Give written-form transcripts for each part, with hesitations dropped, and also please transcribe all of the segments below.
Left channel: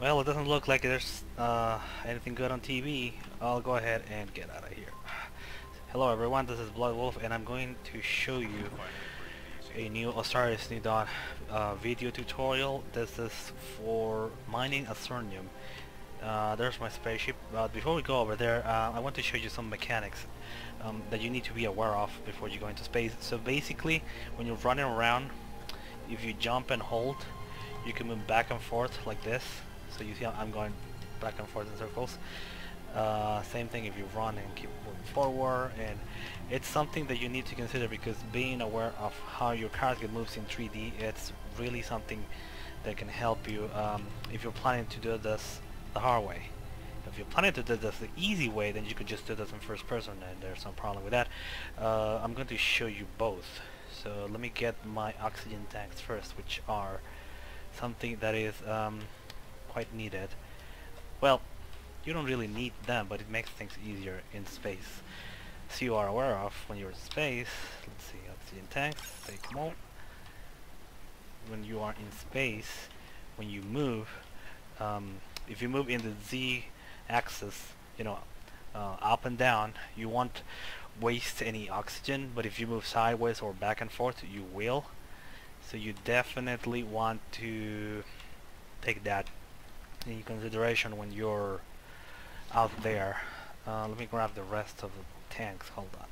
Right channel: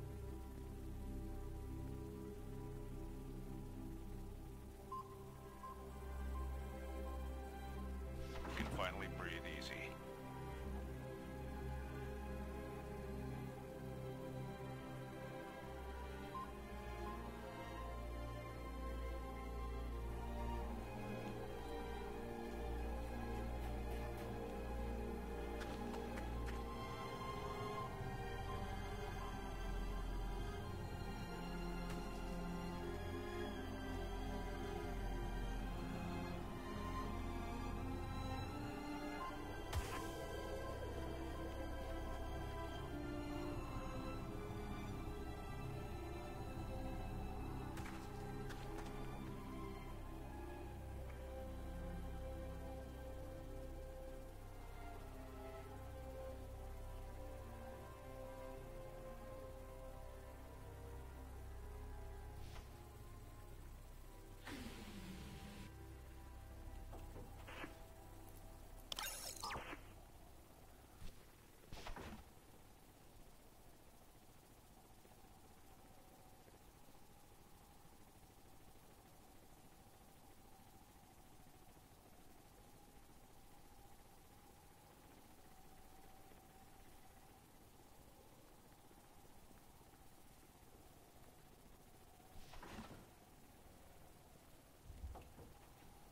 Well, it doesn't look like there's anything good on TV. I'll go ahead and get out of here. Hello everyone, this is Blood Wolf and I'm going to show you Finally breathe easy. a new Osiris New Dawn video tutorial. This is for mining Azurnium. There's my spaceship. Before we go over there, I want to show you some mechanics that you need to be aware of before you go into space. So basically, when you're running around, if you jump and hold, you can move back and forth like this. So you see I'm going back and forth in circles. Same thing if you run and keep moving forward, and it's something that you need to consider because being aware of how your character moves in 3D, it's really something that can help you if you're planning to do this the hard way. If you're planning to do this the easy way, then you could just do this in first person and there's no problem with that. I'm going to show you both. So let me get my oxygen tanks first, which are something that is quite needed. Well, you don't really need them, but it makes things easier in space. So you are aware of when you're in space. Let's see, oxygen tanks, take them all. When you are in space, when you move, if you move in the Z axis, you know, up and down, you won't waste any oxygen, but if you move sideways or back and forth, you will. So you definitely want to take that in consideration when you're out there. Let me grab the rest of the tanks. Hold on.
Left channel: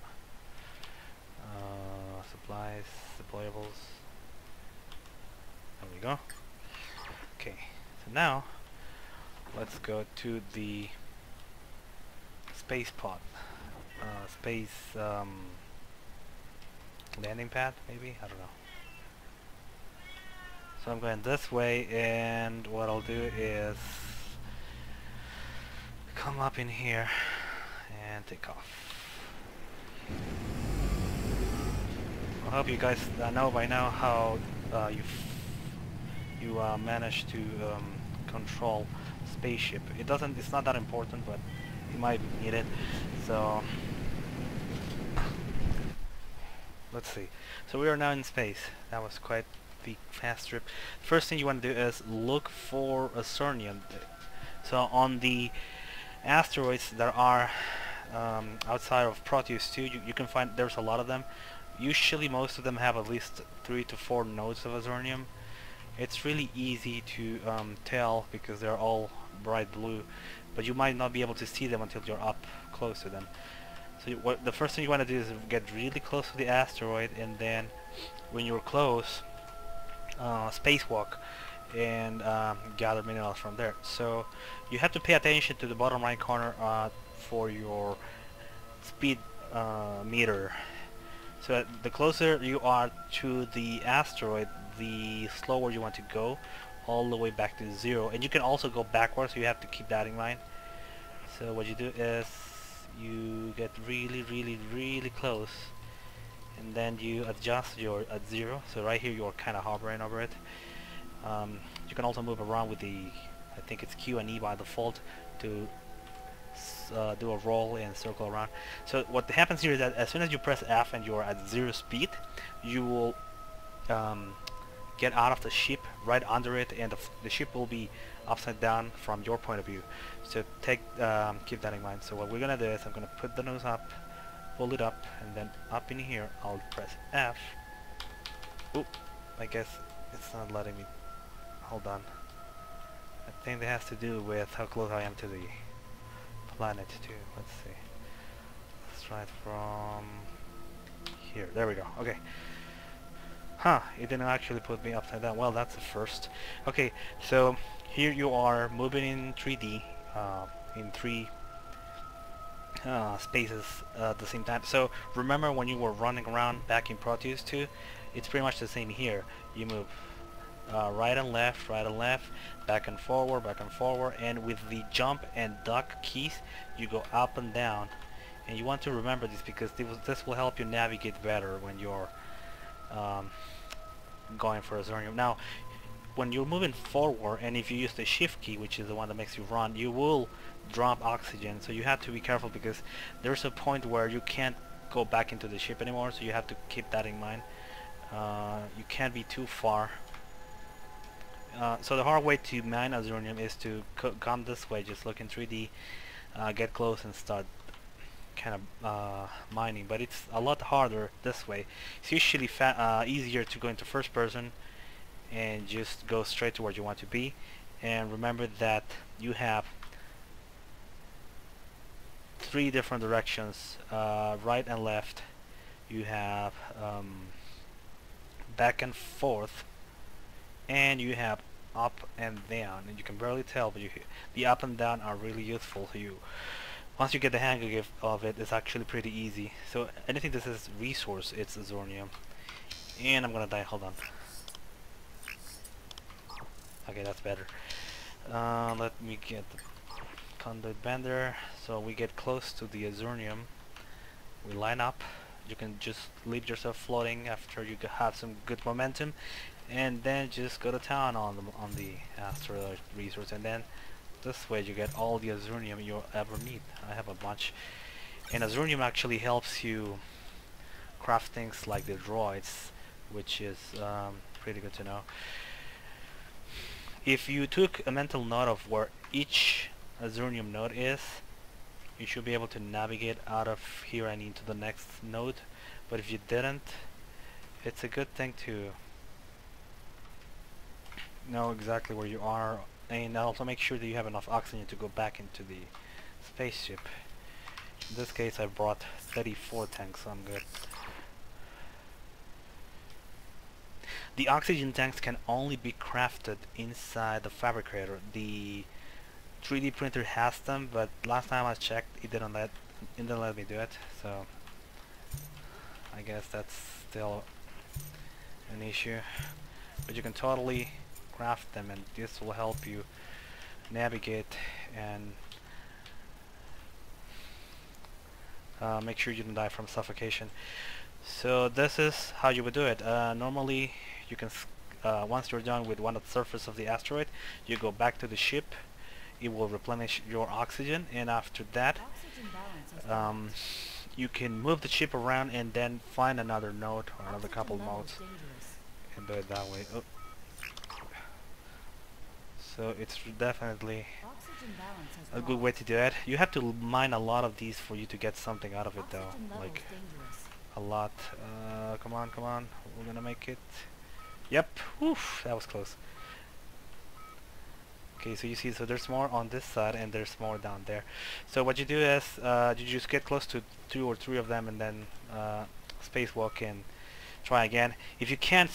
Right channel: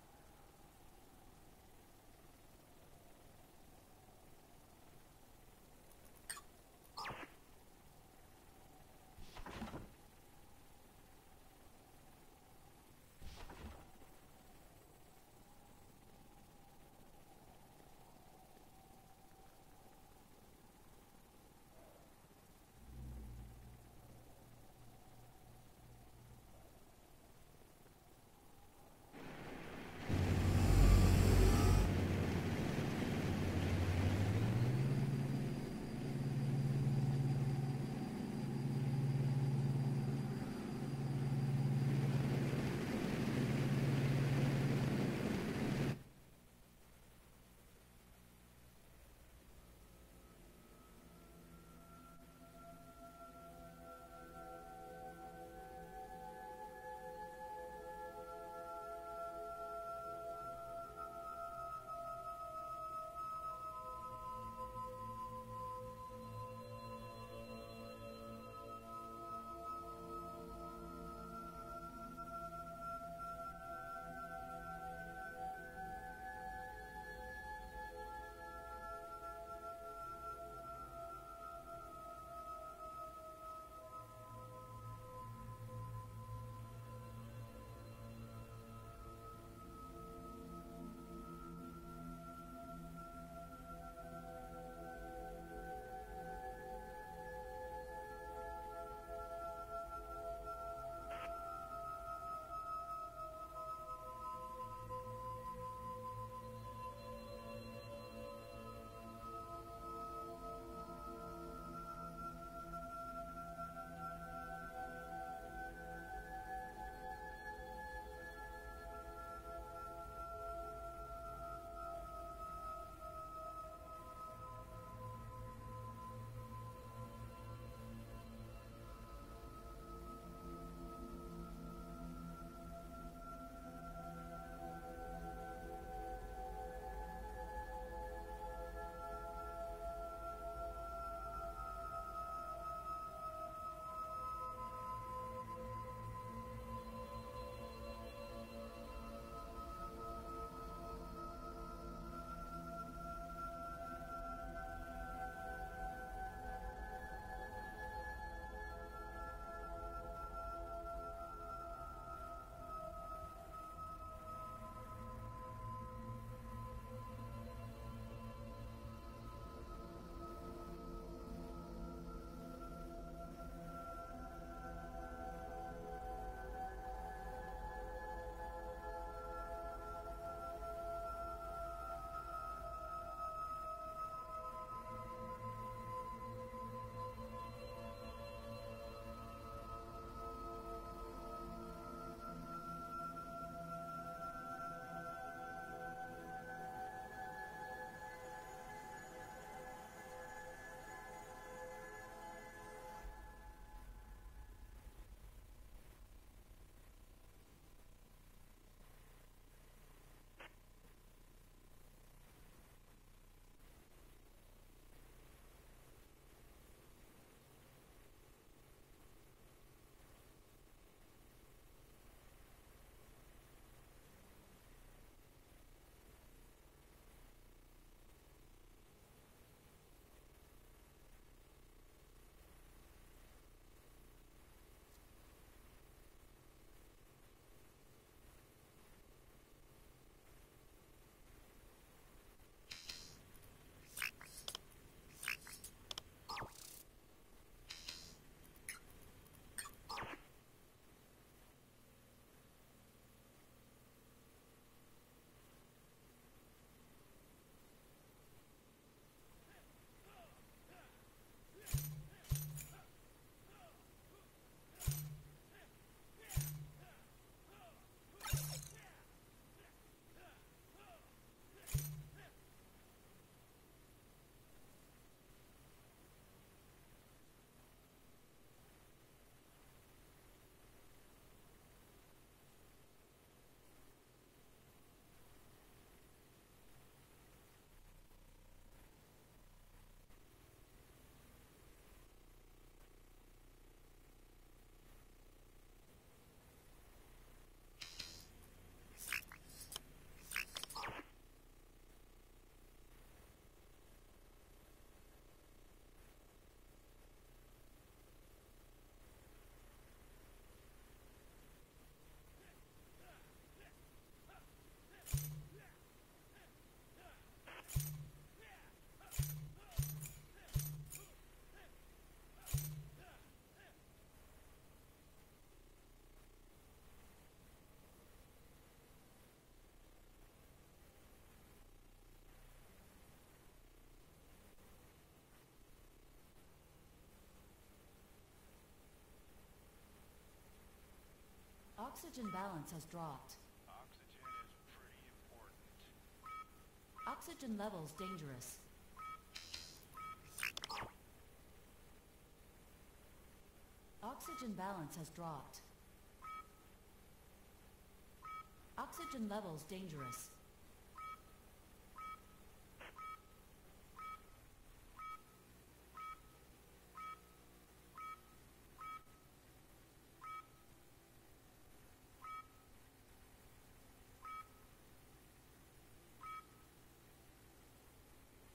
Supplies, deployables. There we go. Okay. So now let's go to the space pod, space landing pad. Maybe, I don't know. So I'm going this way, and what I'll do is come up in here and take off. I hope you guys know by now how you manage to control spaceship. It's not that important, but you might need it. So let's see. So we are now in space. That was quite the fast trip. First thing you want to do is look for Azurnium. So on the asteroids that are outside of Proteus 2, you can find there's a lot of them. Usually most of them have at least 3 to 4 nodes of Azurnium. It's really easy to tell because they're all bright blue, but you might not be able to see them until you're up close to them. So the first thing you want to do is get really close to the asteroid, and then when you're close, spacewalk and gather minerals from there. So you have to pay attention to the bottom right corner for your speed meter. So the closer you are to the asteroid, the slower you want to go, all the way back to 0. And you can also go backwards, so you have to keep that in mind. So what you do is you get really close, and then you adjust your at 0. So right here you're kind of hovering over it. You can also move around with the, I think it's Q and E by default, to do a roll and circle around. So what happens here is that as soon as you press F and you're at 0 speed, you will get out of the ship right under it, and the ship will be upside down from your point of view. So keep that in mind. So what we're gonna do is I'm gonna put the nose up, pull it up, and then up in here I'll press F. Oop, I guess it's not letting me. Hold on. I think that has to do with how close I am to the planet too. Let's see. Let's try it from here. There we go. Okay. Huh, it didn't actually put me upside down. Well, that's a first. Okay, so here you are moving in 3D, in 3 spaces at the same time. So remember when you were running around back in Proteus 2, it's pretty much the same here. You move right and left, back and forward, and with the jump and duck keys, you go up and down. And you want to remember this because this will help you navigate better when you're going for Azurnium. Now, when you're moving forward, and if you use the shift key, which is the one that makes you run, you will drop oxygen. So you have to be careful because there's a point where you can't go back into the ship anymore, so you have to keep that in mind. You can't be too far So the hard way to mine Azurnium is to come this way, just look in 3D, get close and start kind of mining, but it's a lot harder this way. It's usually easier to go into first person and just go straight to where you want to be, and remember that you have 3 different directions, right and left. You have back and forth, and you have up and down, and you can barely tell, but the up and down are really useful to you. Once you get the hang of it, it's actually pretty easy. So anything that says resource, it's Azurnium. And I'm gonna die, hold on. Okay, that's better. Let me get the conduit bender. So we get close to the Azurnium. We line up. You can just leave yourself floating after you have some good momentum, and then just go to town on the asteroid resource, and then this way you get all the Azurnium you'll ever need. I have a bunch, and Azurnium actually helps you craft things like the droids, which is pretty good to know. If you took a mental note of where each Azurnium node is, you should be able to navigate out of here and into the next node. But if you didn't, it's a good thing to know exactly where you are, and also make sure that you have enough oxygen to go back into the spaceship. In this case I brought 34 tanks, so I'm good. The oxygen tanks can only be crafted inside the fabricator. The 3D printer has them, but last time I checked, it didn't let me do it. So I guess that's still an issue. But you can totally craft them, and this will help you navigate and make sure you don't die from suffocation. So this is how you would do it. Normally, you can once you're done with one at the surface of the asteroid, you go back to the ship. It will replenish your oxygen, and after that you can move the ship around and then find another node or another couple nodes and do it that way. Oh. So it's definitely a good way to do it. You have to mine a lot of these for you to get something out of it, though. Like a lot. Come on, come on. We're gonna make it. Yep. Oof, that was close. Okay, so you see, so there's more on this side and there's more down there. So what you do is you just get close to 2 or 3 of them and then spacewalk and try again. If you can't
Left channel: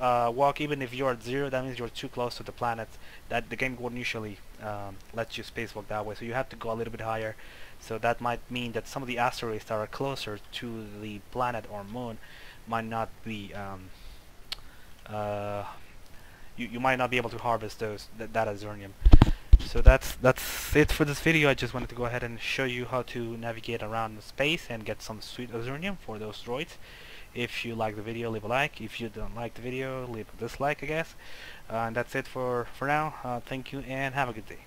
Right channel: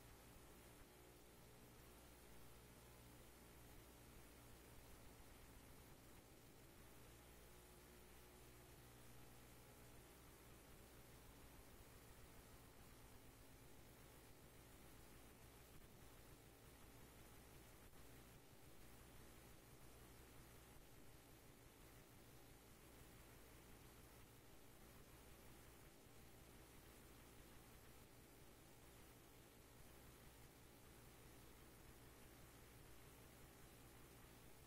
walk, even if you're at 0, that means you're too close to the planet. That the game won't usually let you spacewalk that way. So you have to go a little bit higher. So that might mean that some of the asteroids that are closer to the planet or moon might not be you might not be able to harvest that Azurnium. So that's it for this video. I just wanted to go ahead and show you how to navigate around space and get some sweet Azurnium for those droids. If you like the video, leave a like. If you don't like the video, leave a dislike, I guess. And that's it for now. Thank you and have a good day.